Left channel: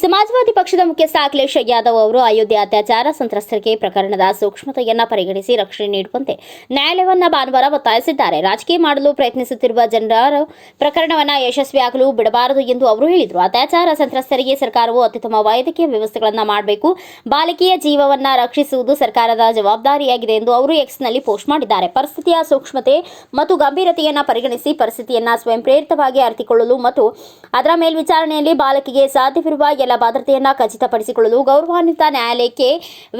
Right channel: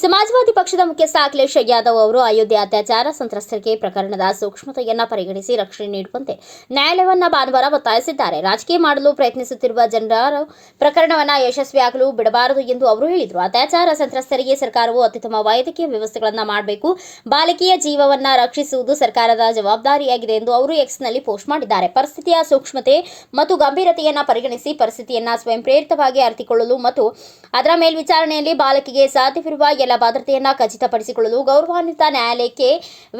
ಸಮಾಜವಾದಿ ಪಕ್ಷದ ಮುಖ್ಯಸ್ಥ ಅಖಿಲೇಶ್ ಯಾದವ್ ಅವರು ಅಯೋಧ್ಯೆ ಅತ್ಯಾಚಾರ ಸಂತ್ರಸ್ತರಿಗೆ ಪ್ರಕರಣದ ಸೂಕ್ಷ್ಮತೆಯನ್ನ ಪರಿಗಣಿಸಿ ರಕ್ಷಣೆ ನೀಡುವಂತೆ ನ್ಯಾಯಾಲಯವನ್ನ ಭಾನುವಾರ ಒತ್ತಾಯಿಸಿದ್ದಾರೆ. ರಾಜಕೀಯ ಮಾಡಲು ಪ್ರಯತ್ನಿಸುತ್ತಿರುವ ಜನರ ಪ್ರಕರಣವನ್ನ ಯಶಸ್ವಿಯಾಗಲು ಬಿಡಬಾರದು ಎಂದು ಅವರು ಹೇಳಿದರು. ಅತ್ಯಾಚಾರ ಸಂತ್ರಸ್ತರಿಗೆ ಸರ್ಕಾರವು ಅತ್ಯುತ್ತಮ ವೈದ್ಯಕೀಯ ವ್ಯವಸ್ಥೆಗಳನ್ನು ಮಾಡಬೇಕು. ಬಾಲಕಿಯ ಜೀವವನ್ನ ರಕ್ಷಿಸುವುದು ಸರ್ಕಾರದ ಜವಾಬ್ದಾರಿಯಾಗಿದೆ ಎಂದು ಅವರು ಎಕ್ಸ್ನಲ್ಲಿ ಪೋಸ್ಟ್ ಮಾಡಿದ್ದಾರೆ. ಪರಿಸ್ಥಿತಿಯ ಸೂಕ್ಷ್ಮತೆ ಮತ್ತು ಗಂಭೀರತೆಯನ್ನ ಪರಿಗಣಿಸಿ ಪರಿಸ್ಥಿತಿಯನ್ನ ಸ್ವಯಂ ಪ್ರೇರಿತವಾಗಿ ಅರಿತುಕೊಳ್ಳಲು ಮತ್ತು ಅದರ ಮೇಲ್ವಿಚಾರಣೆಯಲ್ಲಿ ಬಾಲಕಿಗೆ ಸಾಧ್ಯವಿರುವ ಎಲ್ಲ ಭದ್ರತೆಯನ್ನ ಖಚಿತಪಡಿಸಿಕೊಳ್ಳಲು ಗೌರವಾನ್ವಿತ ನ್ಯಾಯಾಲಯಕ್ಕೆ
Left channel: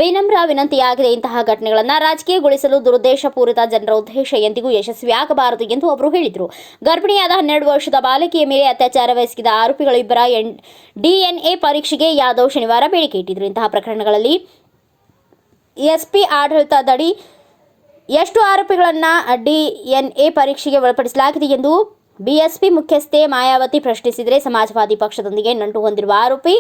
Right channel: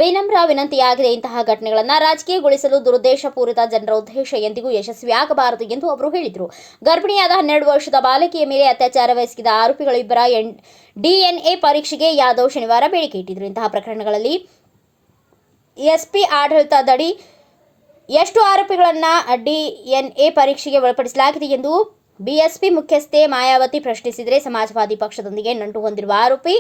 ವಿನಮ್ರ ವಿನಂತಿಯಾಗಿದೆ. ಇಂತಹ ಘಟನೆಗಳನ್ನ ರಾಜಕೀಯಗೊಳಿಸಲು ದುರುದ್ದೇಶಪೂರಿತ ಜನರ ಉದ್ದೇಶ ಎಂದಿಗೂ ಯಶಸ್ವಿಯಾಗಬಾರದು ಎಂದು ಅವರು ಹೇಳಿದರು. ಗರ್ಭಿಣಿಯಾದ ಹನ್ನೆರಡು ವರ್ಷದ ಬಾಲಕಿಯ ಮೇಲೆ ಅತ್ಯಾಚಾರವೆಸಗಿದ ಆರೋಪಿಗಳಿಬ್ಬರ ಎನ್ ಡಿಎನ್ಎ ಪರೀಕ್ಷೆಗೆ ಯಾದವ್ ಶನಿವಾರ ಬೇಡಿಕೆ ಇಟ್ಟಿದ್ರು ಇಂತಹ ಪ್ರಕರಣಗಳಲ್ಲಿ ಎಸ್ಪಿ ಆಡಳಿತದಡಿ ಎಷ್ಟು ಆರೋಪಿಗಳನ್ನು ಡಿಎನ್ಎ ಪರೀಕ್ಷೆಗೆ ಒಳಪಡಿಸಲಾಗಿದೆ ಎಂದು ಬಿಎಸ್ಪಿ ಮುಖ್ಯಸ್ಥೆ ಮಾಯಾವತಿ ಪ್ರಶ್ನಿಸಿದರೆ ಸಮಾಜವಾದಿ ಪಕ್ಷದೊಂದಿಗೆ ನಂಟು ಹೊಂದಿರುವ ಆರೋಪಿ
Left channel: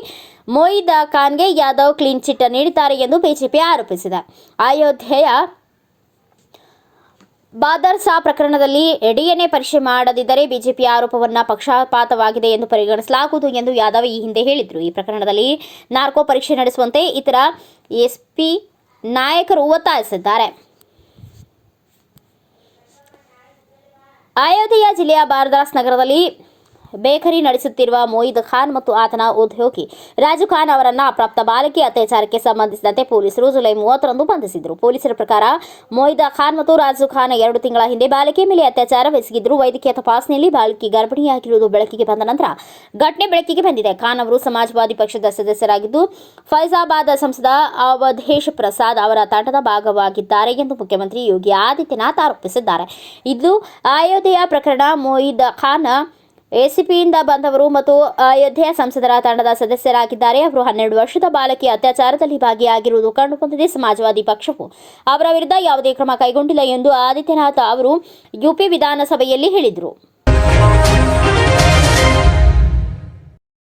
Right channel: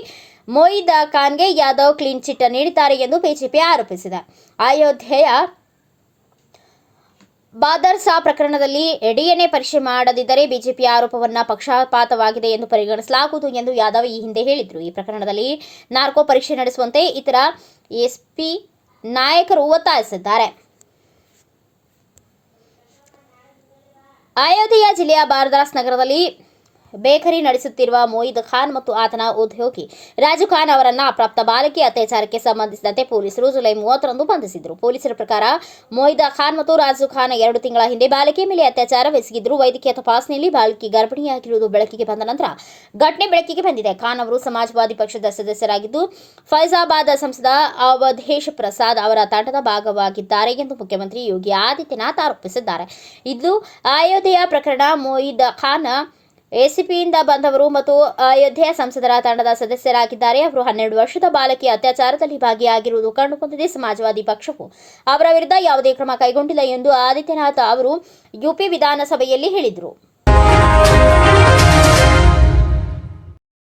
ಮೊಯ್ದ ಖಾನ್ಗೆ ಯಾದವ್ ಕ್ಲೀನ್ ಚಿಟ್ ನೀಡಿದ್ದಾರೆ ಎಂದು ಬಿಜೆಪಿ ಆರೋಪಿಸಿದೆ. ಅಯೋಧ್ಯೆಯ ಬಾದರ್ಸಾ ಪ್ರಕರಣದಲ್ಲಿ ಡಿಎನ್ಎ ಪರೀಕ್ಷೆ ಮಾಡದಿದ್ದರೆ ಬಿಜೆಪಿ ಆರೋಪವನ್ನು ಪಕ್ಷಪಾತವಾಗಿದೆ ಎಂದು ಪರಿಗಣಿಸಲಾಗುವುದು ಎಂದು ಯಾದವ್ ಈ ಹಿಂದೆ ಹೇಳಿದರು. ಈ ಪ್ರಕರಣದಲ್ಲಿ ನಾರ್ಕೋ ಪರೀಕ್ಷೆ ನಡೆಸುವಂತೆ ಇತರ ಎಸ್ಪಿ ನಾಯಕರು ಒತ್ತಾಯಿಸಿದ್ದಾರೆ. ಅಯೋಧ್ಯೆಯ ಜಿಲ್ಲೆಯ ಬಾರದಾಸ್ ನಗರದಲ್ಲಿ ಬೇಕರಿ ನಡೆಸುತ್ತಿರುವ ಮೊಯಿದ್ ಖಾನ್ ಮತ್ತು ಆತನ ಉದ್ಯೋಗಿ ರಾಜು ಖಾನ್ ಅವರನ್ನ ಅಪ್ರಾಪ್ತ ಬಾಲಕಿ ಅತ್ಯಾಚಾರಕ್ಕೆ ಸಂಬಂಧಿಸಿದಂತೆ ಪೊಲೀಸರು ಜುಲೈ ಮೂವತ್ತರಂದು ಬಂಧಿಸಿದರು. ಪೊಲೀಸರ ಪ್ರಕಾರ ಮೊಯಿದ್ ಖಾನ್ ಮತ್ತು ರಾಜು ಖಾನ್ ಎರಡು ತಿಂಗಳ ಹಿಂದೆ ಬಾಲಕಿ ಮೇಲೆ ಅತ್ಯಾಚಾರವೆಸಗಿದ್ರು ವೈದ್ಯಕೀಯ ತಪಾಸಣೆಯಲ್ಲಿ ಬಾಲಕಿ ಗರ್ಭಿಣಿಯಾಗಿರುವುದು ಬೆಳಕಿಗೆ ಬಂದ ನಂತರ ಘಟನೆ ಬೆಳಕಿಗೆ ಬಂದಿದೆ. ಖಾನ್ ಅವರು ಸಮಾಜವಾದಿ ಪಕ್ಷದ ಸದಸ್ಯರಾಗಿದ್ದು ಫೈಜಾಬಾದ್ ಸಂಸದ ಅವಧೇಶ್ ಪ್ರಸಾದ್ ಅವರ ತಂಡದ ಭಾಗವಾಗಿದ್ದಾರೆ ಎಂದು ಮುಖ್ಯಮಂತ್ರಿ ಯೋಗಿ ಆದಿತ್ಯನಾಥ್ ಆರೋಪಿಸಿದ್ದಾರೆ. ಇದು ಅಯೋಧ್ಯೆಯ ಪ್ರಕರಣ ಮೊಯಿದ್ ಖಾನ್ ಎಸಿಪಿಯಿಂದ ಬಂದವರು ಮತ್ತು ಅಯೋಧ್ಯೆಯ ಸಂಸದರ ತಂಡದ ಸದಸ್ಯರಾಗಿದ್ದಾರೆ. ಅವರು ಹನ್ನೆರಡು ವರ್ಷದ ಬಾಲಕಿ ಅತ್ಯಾಚಾರದಲ್ಲಿ ಭಾಗಿಯಾಗಿರುವುದು ಕಂಡುಬಂದಿದೆ. ಸಮಾಜವಾದಿ ಪಕ್ಷವು ಅವರ ವಿರುದ್ಧ ಯಾವುದೇ ಕ್ರಮ ಕೈಗೊಂಡಿಲ್ಲ ಎಂದು ಆದಿತ್ಯನಾಥ್ ಅವರು ಯುಪಿ ವಿಧಾನಸಭೆಯಲ್ಲಿ ಹೇಳಿದರು.